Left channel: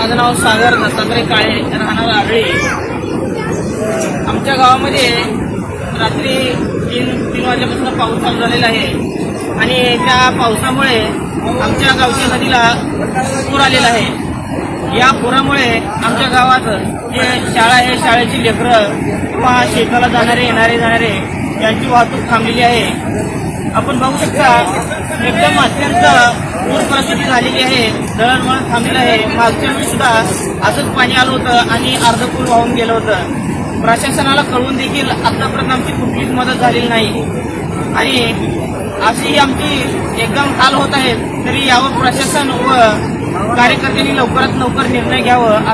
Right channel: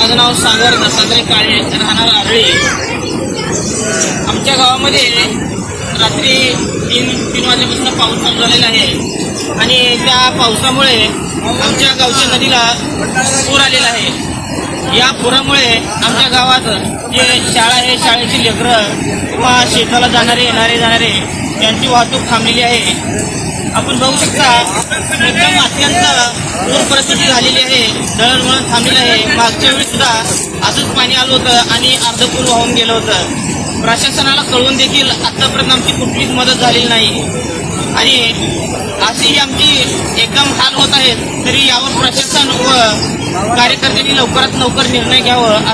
माझं नाव सागर दत्तात्रय काळे, राहणार आरळी. आमच्या गावामध्ये रात्री तीन वाजल्यापासून पाऊस चालू झालेला आहे आणि त्या पावसामुळे आमच्या गावच्या नदीला पूर आलेला आहे. या पुरामुळे आमच्या गावात जे शाळा आहे, शाळेची लेकरं किंवा शेताला जाणारे यांची वाहतूक थांबलेली आहे. आपण बघू शकता एकदम अत्यंत पूर परिस्थिती झालेली आहे. दळणवळण थांबलेलं आहे. मागच्या वेळी सुद्धा असंच पाणी आलं होतं आणि अर्ध पूल वाहून गेलं होतं. प्रशासनाला कळवून देखील आतापर्यंत आमची कुठलीच मदत झालेली नाही आणि अशी आमची एकदम हाल होत आहेत. तरी यावर प्रशासन व कार्यकर्त्यांनी लवकरात लवकर निर्णय घ्यावं.